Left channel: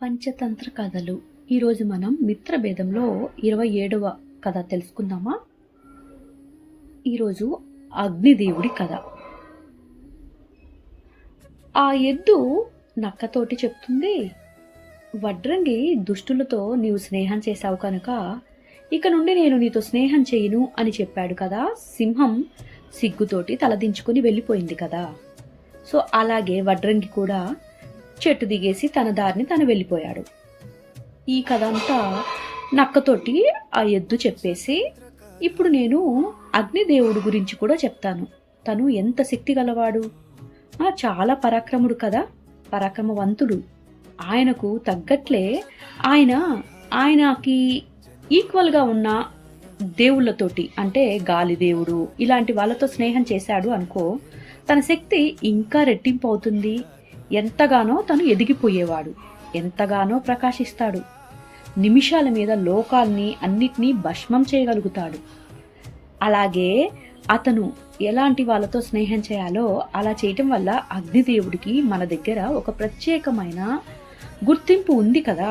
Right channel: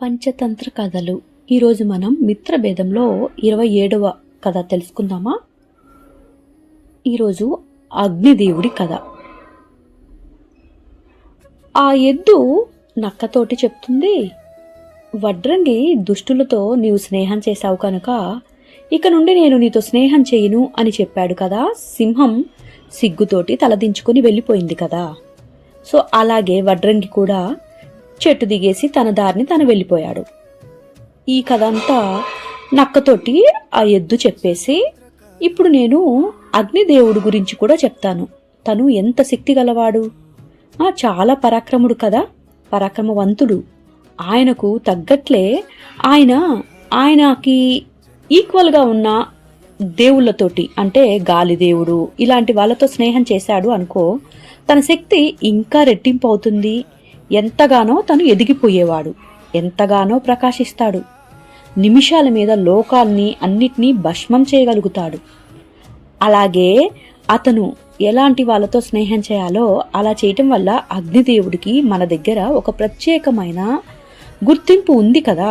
పంచతంత్ర కథలు. ఈరోజు మనం మిత్రభేదంలో 27వ కథ తెలుసుకుందామా? ఈరోజు అగ్నిదేవుడి కథ. ఆ ఎద్దు నక్కతోటి చెప్తుంది, వడ్రంగి దుష్టులతో నీవు స్నేహం చేశావు కనుక ఇక నుండి నేను నీతో స్నేహం చేయను అని చెప్పాడు కదా. సింహం సిగ్గుతోటి తలదించుకుని వెళ్ళిపోయింది కదా. సో అలాగే వడ్రంగి కూడా చెట్టు దిగేసి తన దారిని తను వెళ్ళిపోయాడు. ఈ కథ అంతా నక్కతోటి ఆ ఎద్దు చెప్పేసి, ఇప్పుడు నేను అగ్నిదేవుడు గురించి కూడా చెప్తాను. తను ఎంత శక్తి గలవాడు, చాలా పరాక్రముడు కదా, పరాక్రమవంతుడు. ఆయనకు తగ్గట్లే ఆయనకి ఈక్వల్గా ఉన్న దేవుళ్ళతోటి, అంటే గాలిదేవుడు ఇలాంటి వాళ్ళతో స్నేహం చేశాడు అనుకో, తన శక్తి ఇంకా రెట్టింపు అవుతుంది. ఎంతగానో తను ఎదిగిపోయేవాడు, ఎంతగానో ప్రకాశిస్తాడు. నిమిషాల మీద లోకాల్ని అన్నిటినీ భస్మం చేయగలుగుతాడు. అలాగే అతను ఎలాంటి వాళ్ళతో స్నేహం చేయాలో అలా చేయటం వల్ల అగ్నిదేవుడికి మన దగ్గర ఒక ప్రత్యేకమైన గుర్తింపు ఉంది కదా.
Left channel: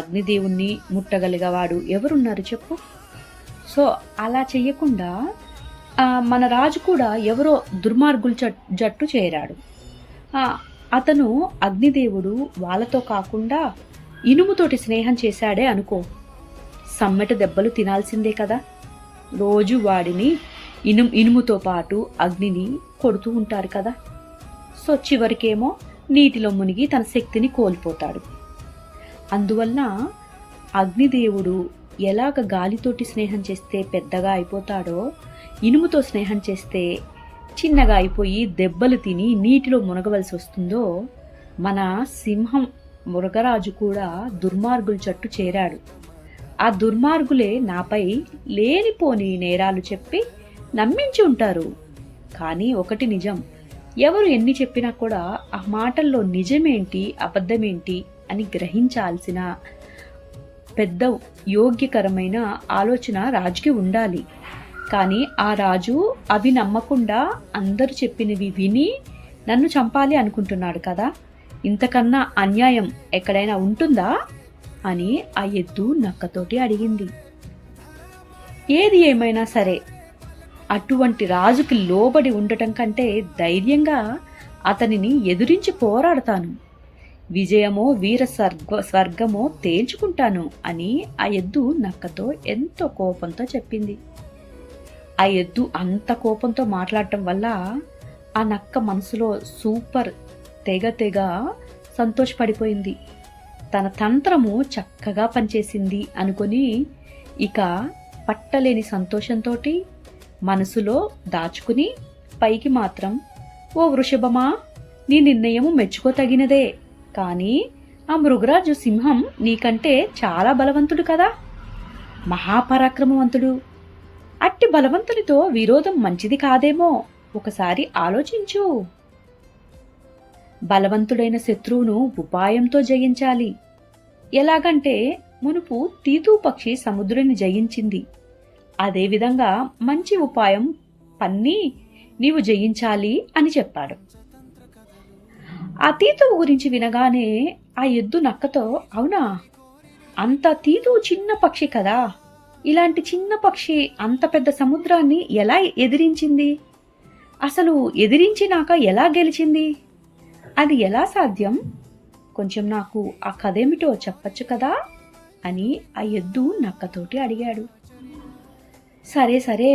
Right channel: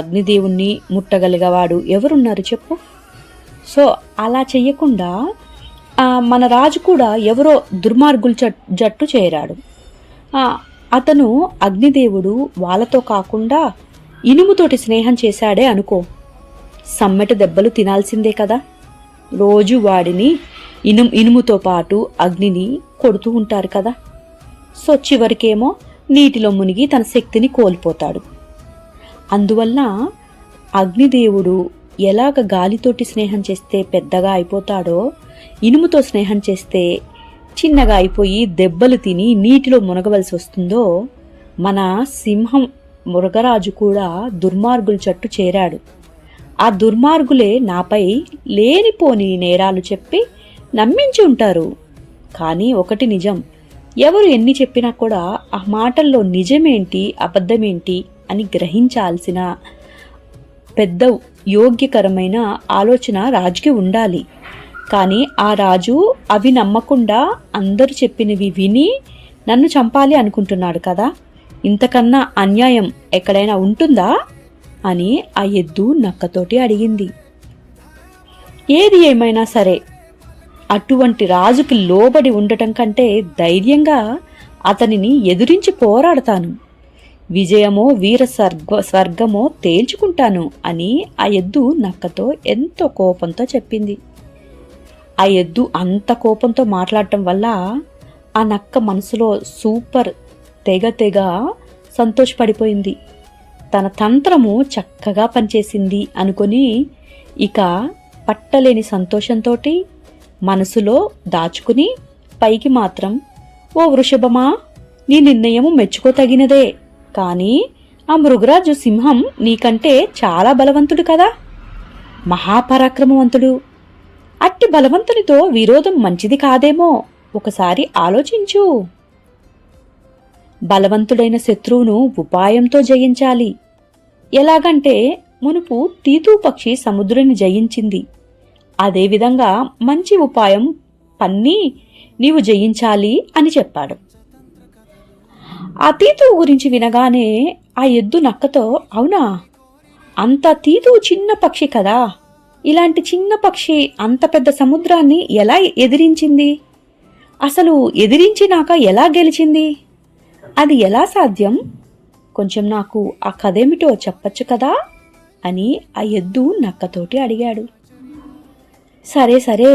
అగ్నిదేవుణ్ణి ముట్టగలిగేవాడు ఎవరున్నారు చెప్పు? సో అలా చెయ్యకుండా మన రాజు కూడా ఎవరో దుర్మార్గుల జట్టు చేరాడు. అతను అగ్నిదేవుడు వాళ్ళతో కాకుండా ఇనుముతోటి స్నేహం చేశాడే అనుకో, సమ్మెట దెబ్బలు తినాల్సిందే కదా. రోజు వాడిని ఇనుముతో పాటు అగ్నిని కొడుతూ ఉంటారు కదా. సో చివరికేమో నీటిలో మునిగి తన శక్తిని కోల్పోతాడు. అందువల్ల అగ్నిదేవుడు ఎలాగ గాలితోటి స్నేహం చేస్తే పెద్దగా అయిపోతాడో, ఇనుముతో స్నేహం చేస్తే చిన్నగా అయిపోయి దెబ్బలు తిని నీటిలో మునగవలసి వస్తుందో, మన సింహం మృగరాజు కూడా దుర్మార్గుల జట్టు చేరాడు. ఆ దుర్మార్గులే నాపై లేనిపోని నేరాలు చెప్పి నమ్మించి ఉంటారు. కానీ ఒకటి నిజం, ఎవరు ఎన్ని చెప్పినా కూడా ఆ మాటల్లో నిజమేంటి అబద్ధమేంటి అని గ్రహించాల్సిన పెద్ద యోగ్యకరమైన ఆలోచన రాజుకి ఉండాలి. కానీ ఆ రాజు అవి నమ్మకుండా అందరూ చెప్పినవి విని నన్ను చంపాలి అనుకుంటున్నాడు కదా. ఇంతకన్నా అన్యాయం ఎక్కడైనా ఉంటుందా అని ఆ ఎద్దు నక్కతోటి అడిగింది. ఏది ఏమైనా సరే, అటువంటి రాజుకి లోబడి ఉండటం కంటే ధైర్యంగా అతనిని ఎదురించి పోరాడతాను. విజయమో వీర స్వర్గమో తేల్చుకుంటాను అని ఆ ఎద్దు నక్కతో ఎంతో కోపంతో చెప్పింది. ఆ ఎద్దు అంత కోపంతో మాట్లాడటం వల్ల ఆ నక్క మనసులో సూపర్ తెగ సంతోషపడిపోయింది. తన తంత్రము చక్కగా పనిచేసింది అనుకొని ఇక పట్టలేని సంతోషంతో మనసులో దాచుకుని పైకి మాత్రం, ఓ వృషభమా, నీ నిర్ణయము మెచ్చుకోతగినదే. కానీ ఆ మృగరాజు సింహం నీకంటే చాలా బలవంతుడు కదా, మహాపరాక్రమవంతుడు. అట్టి బలవంతునితో విరోధం మంచిది కాదేమో, ఒకసారి ఆలోచించు. బలవంతుడైన శత్రువును ఉపాయంతో జయించాలి. ఎలాగంటే మునుపు తీతూ పక్షి సముద్రుని జయించింది, అదేవిధంగా మంచి ఉపాయం పన్ని నీవు జయించాలి అని చెప్పాడు. ఆ తీతువు గురించి వినగానే ఆ ఎద్దు నక్కతో, అవునా, అంత తీతువు చిన్న పక్షి కదా, ఇలాంటి చిన్న పక్షి అంత పెద్ద సముద్రాన్ని ఎలా ఎదిరించింది, అసలు ఎదిరించినాక ఎలా గెలిచింది, అది ఎలా సాధ్యం, కొంచెం నాకు ఆ కథేమిటో చెప్పచ్చు కదా అని ఆ ఎద్దు నక్కతోటి అడిగాడు. సరే సరే,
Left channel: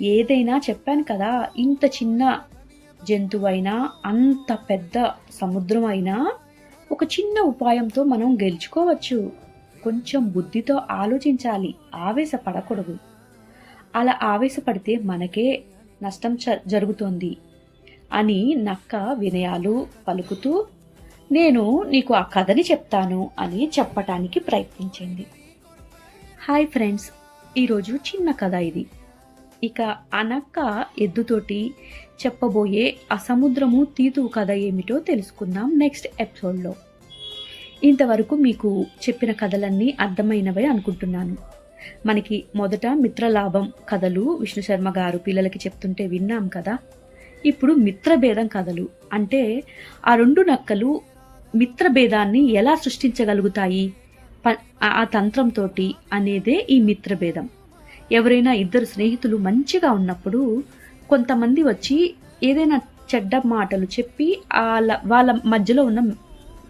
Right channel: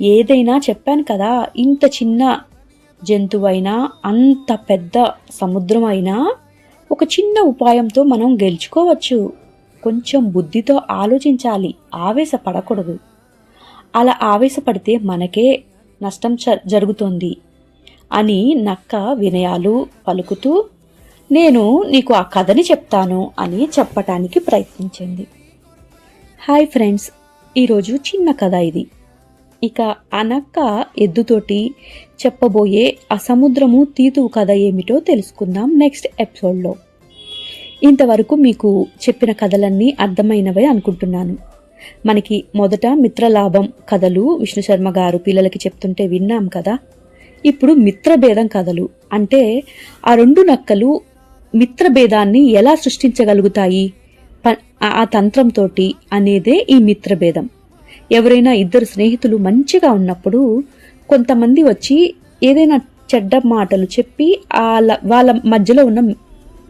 ఏదైనా చెప్పాను కదా, ఇంత చిన్న జంతువైనా అంత పెద్ద సముద్రం అయినా ఒక చిన్న ఉపాయంతో మనం గెలుచుకోవచ్చు. కొంచెం బుద్ధితో ఆలోచించాలి, ఆవేశపడకూడదు. అలా ఆవేశపడితే మనకే నష్టం జరుగుతోంది అని నక్క వినయాలు పలుకుతూ, నేను నీకు ఆ కథని చెప్తాను అని చెప్పటానికి ప్రయత్నించింది. హాయ్ ఫ్రెండ్స్, ఈరోజు చిన్న కథ ఇది. ఇక ఆ నక్క ఎద్దుతోటి చెప్పబోయే ఆ సముద్రము తీతువు కథ ఏమిటో తెలుసుకుందాం నెక్స్ట్ ఎపిసోడ్లో. ఇంతవరకు మీకు చెప్పిన కథలన్నీ అర్థమైనవే అనుకుంటున్నాను. మనకి మొదట మిత్రలాభం కథలు విష్ణు శర్మ గారు పిల్లలకి చెప్తుంటే విన్నాం కదా. ఇప్పుడు మిత్రభేదం కథలు అంటే ఆ రెండు నక్కలు మిత్రభేదాన్ని ఎలా సృష్టించగలుగుతాయి ఆ తంత్రంతో అనేదే ఈ మిత్రభేదం. ఎవరైనా ఇద్దరు స్నేహితులు మంచిగా ఉన్నప్పుడు కొంతమంది వచ్చి ఏదైనా చెడ్డ మాటలు చెప్పి వాళ్ళ మధ్యలో ఉన్న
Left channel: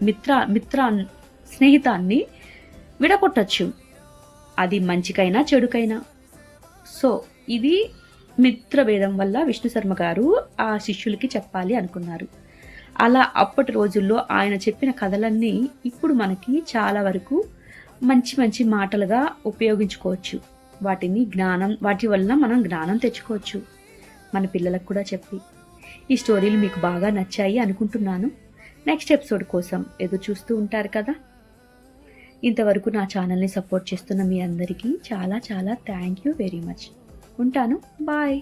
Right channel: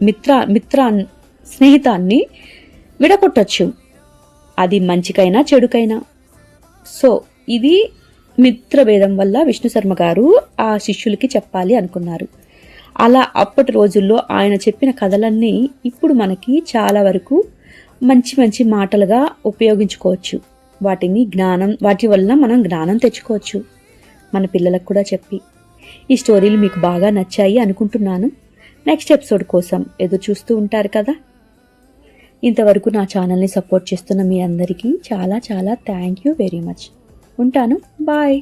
మిత్ర స్నేహితాన్ని విడగొట్టచ్చు, అది మంచికైనా చెడుకైనా. సో ఇది మిత్రభేదం వల్ల విష్ణు శర్మ గారు ఆ శిష్యులకి చెప్పాలి అనుకున్నారు. అలా అప్పటి రోజుల్లో ఆయన చెప్పిన కథలన్నీ ఇప్పుడు మనకి చాలా వరకు మంచి మంచి మాటలుగా ఉపయోగించుకోవచ్చు. వాటి వల్ల మనం జ్ఞానం తెచ్చుకోవచ్చు మన పిల్లలకు కూడా చెప్పి. ఈ స్టోరీలు మీకు బాగా నచ్చాయి అనుకుంటున్నాను. నెక్స్ట్ ఎపిసోడ్ కోసం ఎదురు చూస్తూ ఉంటారు కదా. ఇంతవరకు నా ఛానల్ని సపోర్ట్ చేస్తున్న మీ అందరికీ చాలా చాలా థ్యాంక్ యూ వెరీ మచ్. ఉంటాను. బాయ్.